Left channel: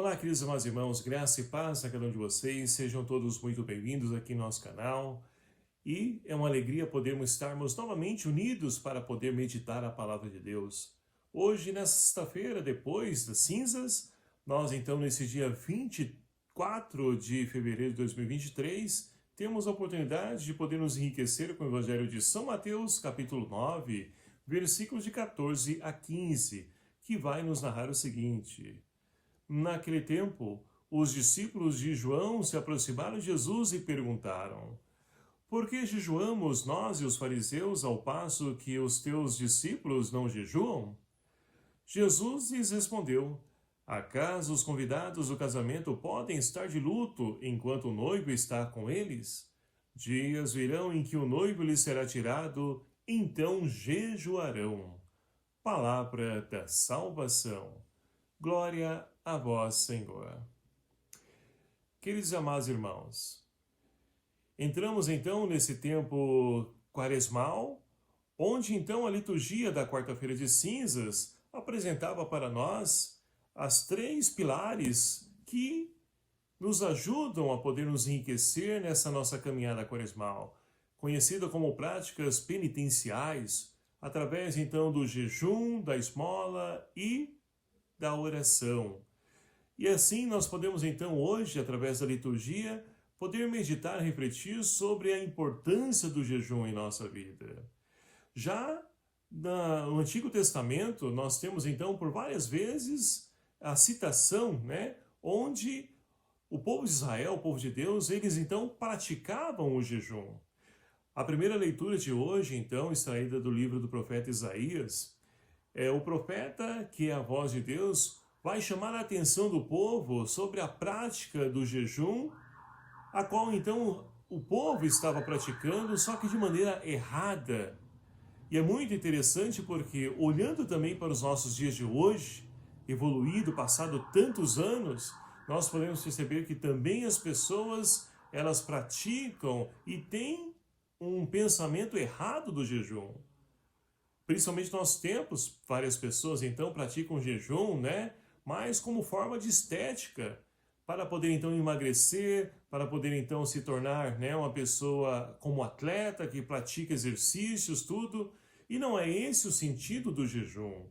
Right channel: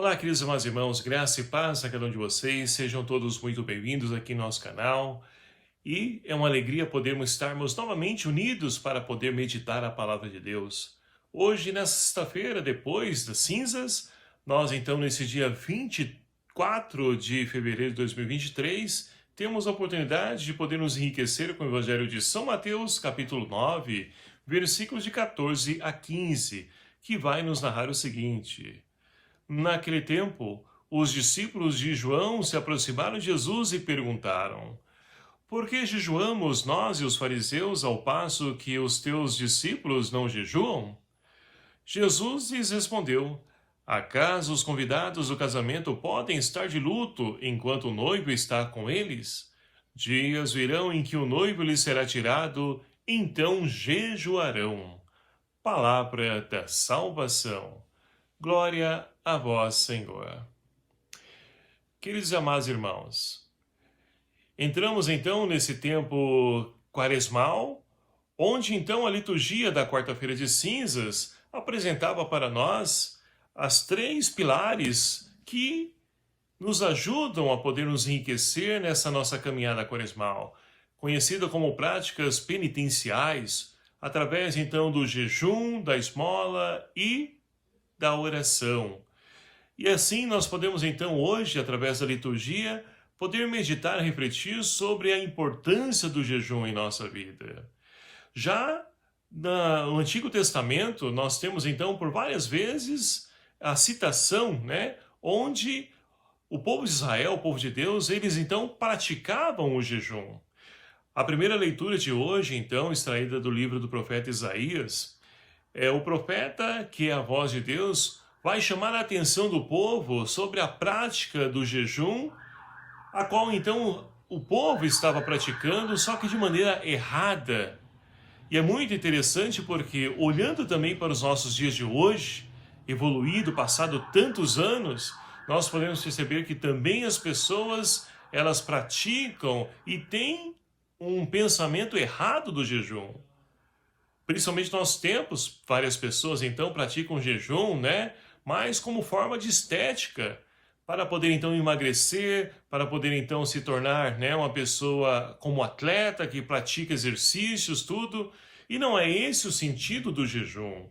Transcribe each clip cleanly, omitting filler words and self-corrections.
Olá, queridos irmãos e irmãos, graça e paz a cada um de vocês, sejam todos muito bem-vindos aqui no nosso canal. E é uma alegria podermos estarmos novamente unidos para poder meditar a palavra de Deus. Hoje, nesta sexta-feira, depois das cinzas, nós então, nesse dia 24 de fevereiro de 2023, temos a oportunidade de poder nos enriquecer com o Evangelho de São Mateus, capítulo 9, versículos de 14 a 15, que vai nos narrar o seguinte: Naquele tempo, os discípulos de João se aproximaram de Jesus e perguntaram: Por que jejuamos nós e os fariseus ao passo que os teus discípulos não jejuam? Jesus lhes respondeu: Acaso os convidados do casamento podem estar de luto enquanto o noivo está com eles? Dias virão em que o noivo lhes será tirado, então jejuarão. Palavra da salvação. Glória a vós, Senhor. Queridos e amados irmãos, entramos então nesse tempo quaresmal, onde então a liturgia da quarta-feira de cinzas apresentava para nós as três pilares que nos ajudam a poder nos enriquecer nessa nossa caminhada quaresmal, conhecida como práticas penitenciais, através então do jejum, da esmola e da oração. E assim nós podemos então hoje, através da liturgia, poder meditar e refletir sobre a importância do jejum em nossa vida. Já no Antigo Testamento, nós temos então por várias vezes a citação, onde o povo de Israel, o povo de Deus, eles então praticavam o jejum. A primeira leitura de hoje, então, extraída do livro do profeta Isaías, o profeta, que é a voz de Deus, vai chamar a atenção do povo sobre a prática do jejum, a qual então o povo estava praticando, só que de maneira errada. E é muito interessante porque, olhando também para os nossos dias de hoje, evoluído, passado tantos anos, nós podemos perceber que também as pessoas, elas praticam e têm um pensamento errado do jejum. Principalmente nos nossos tempos, várias pessoas então praticam jejum, mas como forma de estética, para poder então emagrecer, para poder então se tornar, uma pessoa como atleta, que pratica exercícios, tudo. E não é esse o sentido do jejum.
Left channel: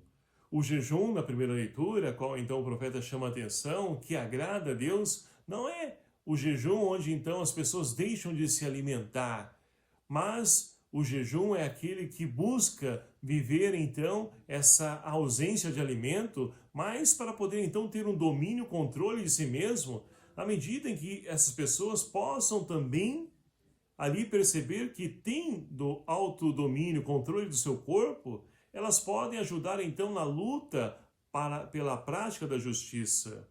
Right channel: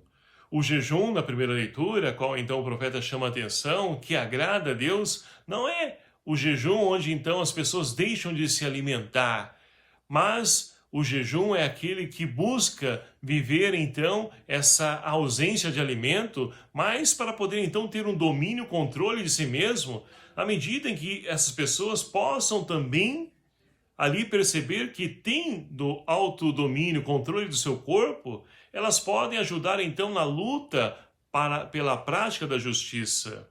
O jejum, na primeira leitura, qual então o profeta chama a atenção, que agrada a Deus, não é o jejum onde então as pessoas deixam de se alimentar, mas o jejum é aquele que busca viver, então, essa ausência de alimento, mas para poder, então, ter um domínio, controle de si mesmo, à medida em que essas pessoas possam também ali perceber que tem do autodomínio, controle do seu corpo, elas podem ajudar, então, na luta pela prática da justiça.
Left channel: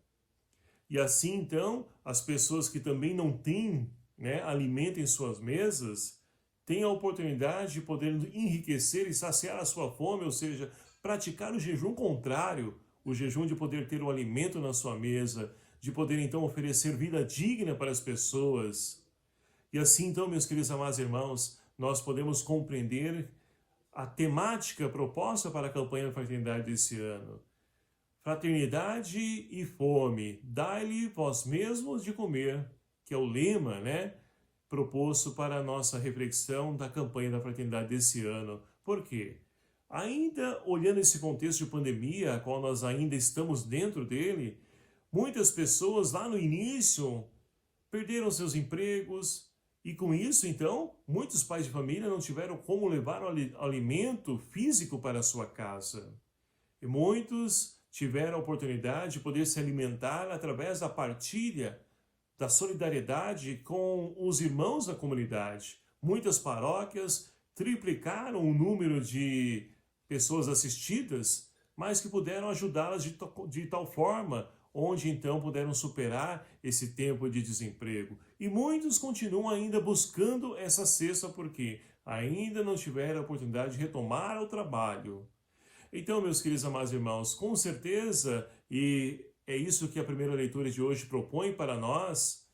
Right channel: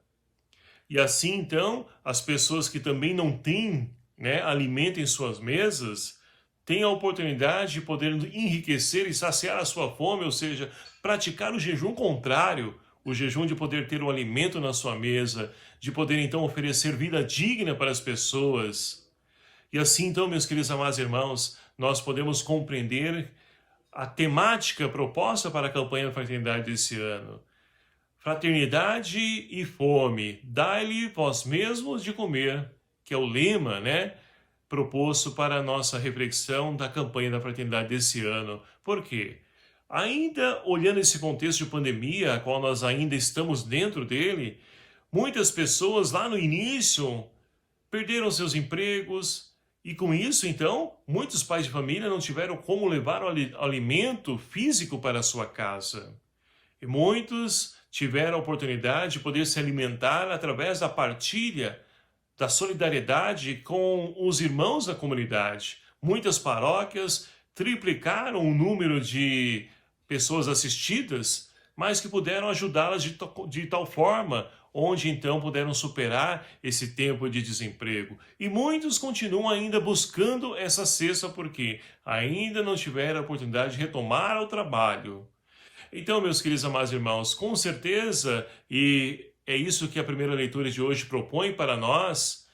E assim, então, as pessoas que também não têm, alimento em suas mesas, tem a oportunidade de poder enriquecer e saciar a sua fome, ou seja, praticar o jejum contrário, o jejum de poder ter um alimento na sua mesa, de poder então oferecer vida digna para as pessoas. E assim então, meus queridos amados irmãos, nós podemos compreender a temática proposta para a campanha da fraternidade desse ano. Fraternidade e fome, dai-lhe vós mesmos de comer, que é o lema, proposto para a nossa reflexão da campanha da fraternidade desse ano. Por quê? Ainda olhando esse contexto de pandemia, a qual nós ainda estamos dentro dele, muitas pessoas lá no início perderam seus empregos e com isso, então, muitos pais de família não tiveram como levar o alimento físico para a sua casa. E muitos tiveram a oportunidade de poder se alimentar através da partilha, da solidariedade com os irmãos da comunidade. Muitas paróquias triplicaram o número de pessoas assistidas, mas que puderam ajudá-las de tal forma, onde então puderam superar esse tempo de desemprego. E muitos continuam ainda buscando essa cesta porque ainda não tiveram a oportunidade de retomar o trabalho. Então, meus queridos amados irmãos, com certeza, e é isso que a primeira leitura de hoje propõe para nós,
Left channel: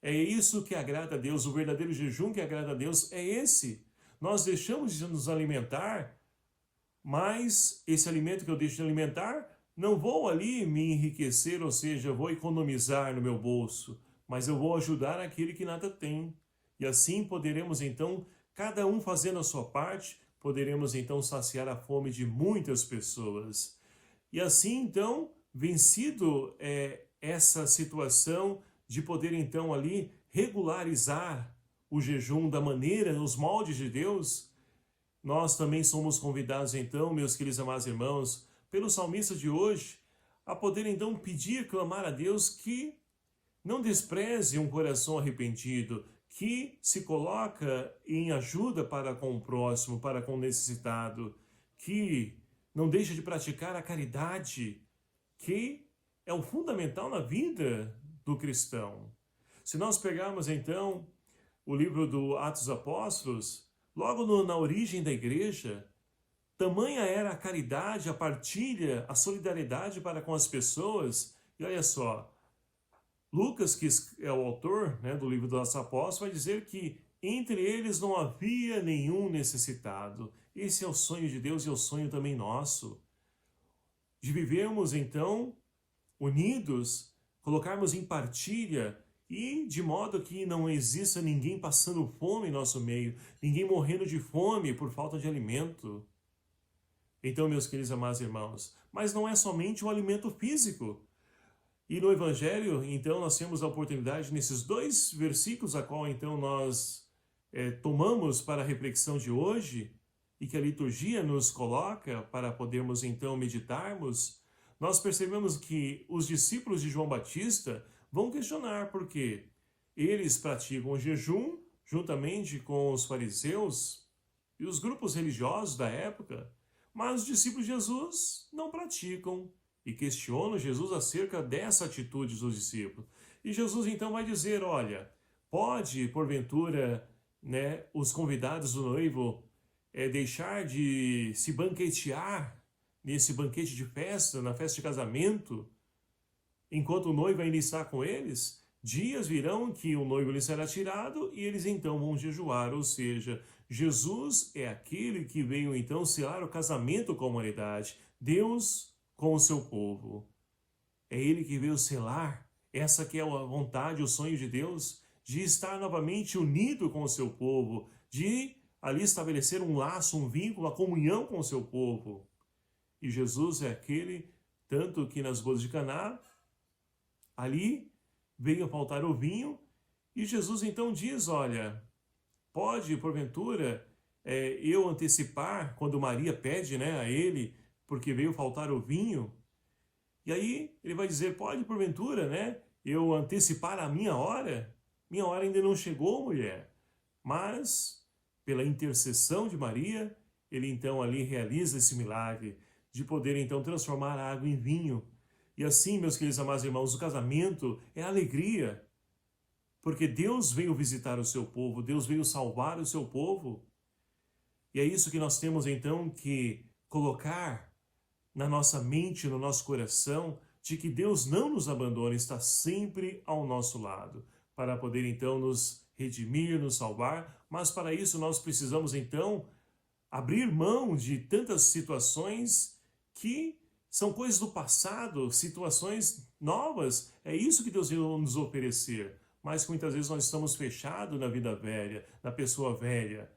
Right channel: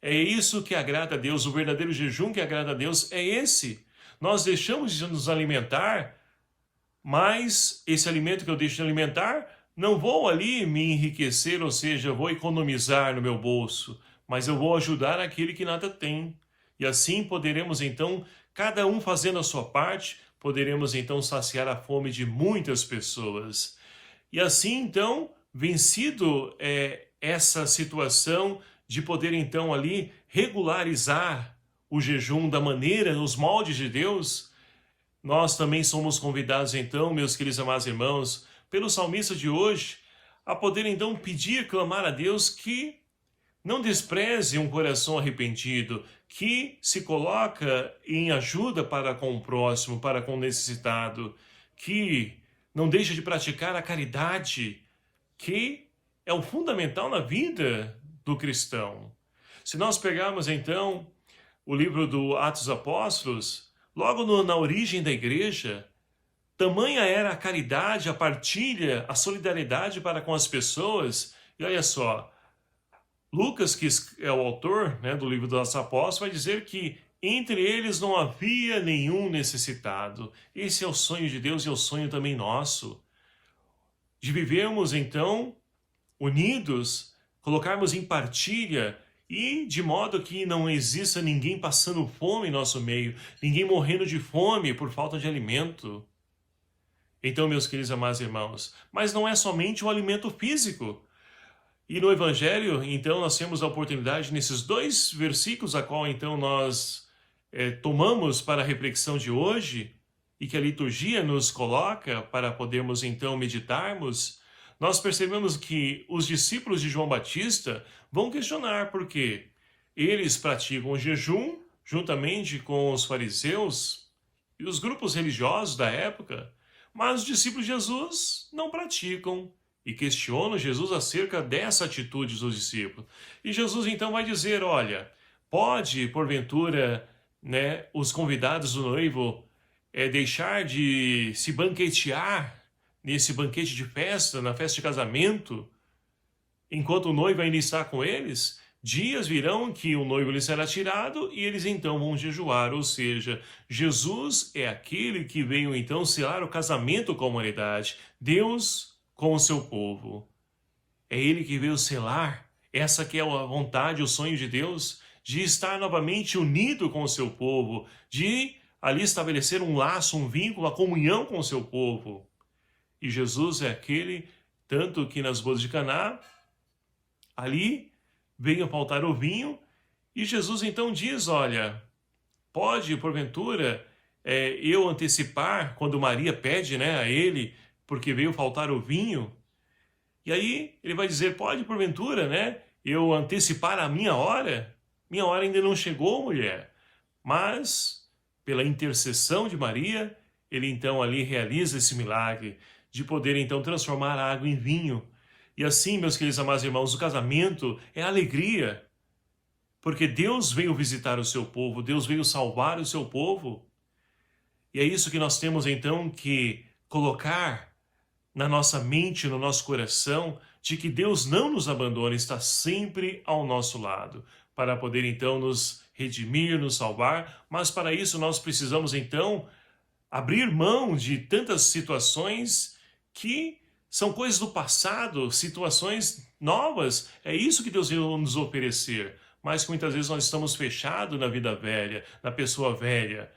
é isso que agrada a Deus, o verdadeiro jejum que agrada a Deus é esse. Nós deixamos de nos alimentar, mas esse alimento que eu deixo de alimentar não vou ali me enriquecer, ou seja, vou economizar no meu bolso, mas eu vou ajudar aquele que nada tem. E assim poderemos então, cada um fazendo a sua parte, poderemos então saciar a fome de muitas pessoas. E assim então, vencido essa situação de poder então ali regularizar o jejum da maneira, nos moldes de Deus, nós também somos convidados então, meus queridos amados irmãos, pelo salmista de hoje, a poder então pedir, clamar a Deus que não despreze um coração arrependido, que se coloca em ajuda para com o próximo, para com o necessitado, que não deixa de praticar a caridade, que é o fundamental na vida do cristão. Se nós pegarmos então o livro do Atos dos Apóstolos, logo na origem da igreja, tamanha era a caridade, a partilha, a solidariedade para com as pessoas. E olha só, Lucas, que é o autor, né, do livro dos Apóstolos, vai dizer que entre eles não havia nenhum necessitado. Esse é o sonho de Deus e é o sonho também nosso, de vivermos então unidos, colocarmos em partilha e de modo que não exista ninguém passando fome em nosso meio, ninguém morrendo de fome por falta de alimento. Então, meus queridos amados irmãos, mas não é somente o alimento físico. E no Evangelho, então, nós temos a oportunidade, nesses 2 versículos, a qual, então, nós tomamos para a reflexão de hoje, e que a liturgia nos coloca para podermos, então, meditarmos, nós percebemos que os discípulos de João Batista vão questionar por quê. Eles praticam o jejum, juntamente com os fariseus e os grupos religiosos da época, mas os discípulos de Jesus não praticam. E questionam Jesus acerca dessa atitude dos discípulos. E Jesus então vai dizer, olha, pode, porventura, né, os convidados do noivo deixar de se banquetear nesse banquete de festa, na festa de casamento, enquanto o noivo ainda está com eles? Dias virão que o noivo lhes será tirado e eles então vão jejuar, ou seja, Jesus é aquele que veio então selar o casamento com a humanidade. Deus com o seu povo. É ele que veio selar, essa que é a vontade, o sonho de Deus, de estar novamente unido com o seu povo, de ali estabelecer um laço, um vínculo, a comunhão com o seu povo. E Jesus é aquele, tanto que nas bodas de Caná, ali veio faltar o vinho, e Jesus então diz, olha, pode, porventura, eu antecipar, quando Maria pede, né, a ele, porque veio faltar o vinho, e aí ele vai dizer, pode porventura, né, eu antecipar a minha hora ainda não chegou, mulher, mas pela intercessão de Maria, ele então ali realiza esse milagre, de poder então transformar a água em vinho, e assim, meus queridos amados irmãos, o casamento é alegria, porque Deus veio visitar o seu povo, Deus veio salvar o seu povo, e é isso que nós temos então que colocar na nossa mente, no nosso coração, de que Deus não nos abandona, está sempre ao nosso lado, para poder então nos redimir, nos salvar, mas para isso nós precisamos então abrir mão de tantas situações que são coisas do passado, situações novas, é isso que Deus veio nos oferecer, mas muitas vezes nós estamos fechados na vida velha, na pessoa velha,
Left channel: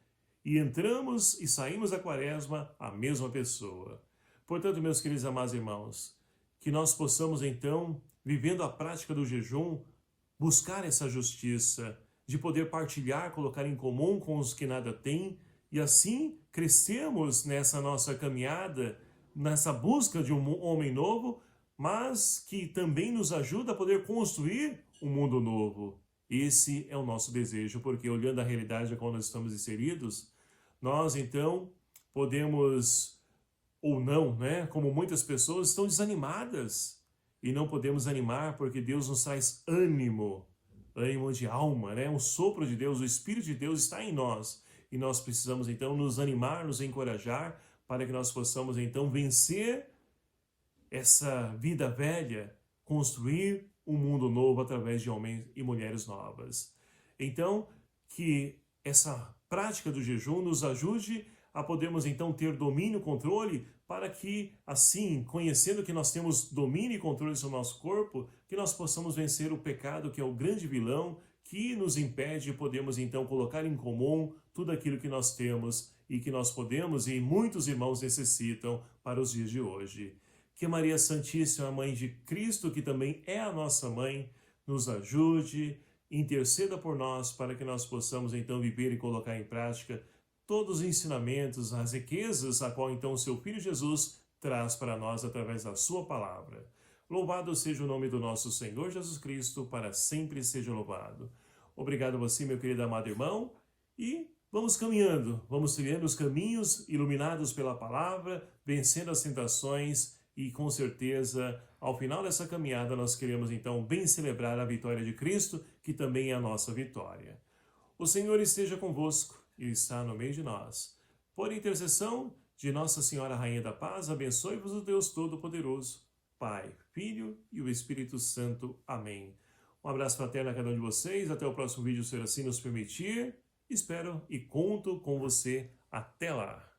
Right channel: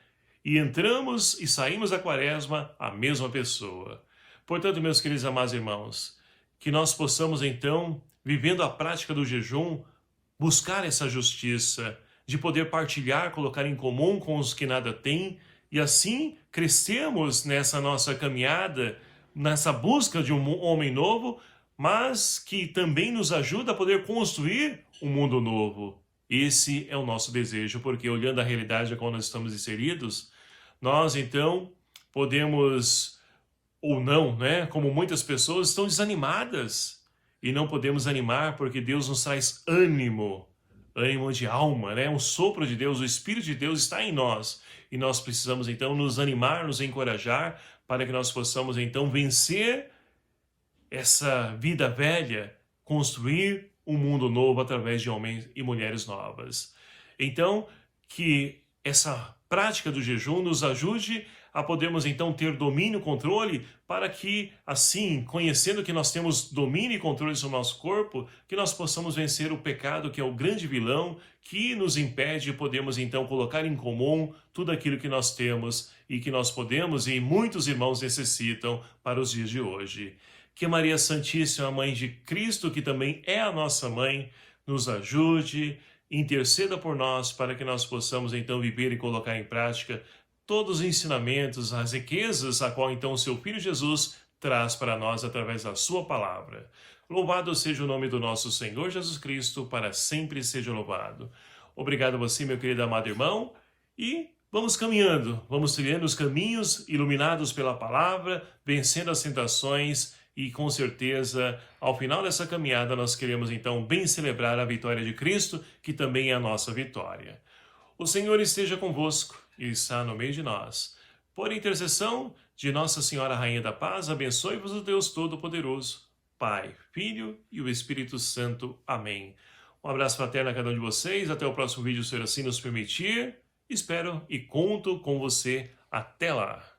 e entramos e saímos da quaresma a mesma pessoa. Portanto, meus queridos amados irmãos, que nós possamos então, vivendo a prática do jejum, buscar essa justiça, de poder partilhar, colocar em comum com os que nada têm, e assim crescemos nessa nossa caminhada, nessa busca de um homem novo, mas que também nos ajuda a poder construir um mundo novo. Esse é o nosso desejo, porque olhando a realidade a qual nós estamos inseridos, nós então podemos ou não, né? Como muitas pessoas estão desanimadas e não podemos animar porque Deus nos traz ânimo, ânimo de alma, né? Um sopro de Deus, o Espírito de Deus está em nós e nós precisamos então nos animar, nos encorajar para que nós possamos então vencer essa vida velha, construir um mundo novo através de homens e mulheres novas. Então, que essa prática do jejum nos ajude a podermos então ter domínio e controle, para que assim, conhecendo que nós temos domínio e controle sobre o nosso corpo, que nós possamos vencer o pecado, que é o grande vilão, que nos impede de podermos então colocar em comum tudo aquilo que nós temos e que nós podemos e muitos irmãos necessitam para os dias de hoje. Que Maria Santíssima, Mãe de Cristo, que também é a nossa mãe, nos ajude, interceda por nós para que nós possamos então viver e colocar em prática todos os ensinamentos, as riquezas a qual então o seu Filho Jesus traz para nós através da sua palavra. Louvado seja o nome do nosso Senhor Jesus Cristo, para sempre seja louvado. Obrigado a você, meu querido amado irmão, e vamos caminhando, vamos trilhando os caminhos iluminados pela palavra, vencendo as tentações e com certeza, ao final dessa caminhada, nós queremos então bem celebrar a vitória de Cristo, que também é a nossa vitória. O Senhor esteja convosco e está no meio de nós. Por intercessão de Nossa Senhora Rainha da Paz, abençoe-vos o Deus Todo-Poderoso, Pai, Filho e o Espírito Santo. Amém. Um abraço fraterno a cada um de vocês. Até o próximo vídeo, se assim nos permitir. Espero e conto com você. Até lá.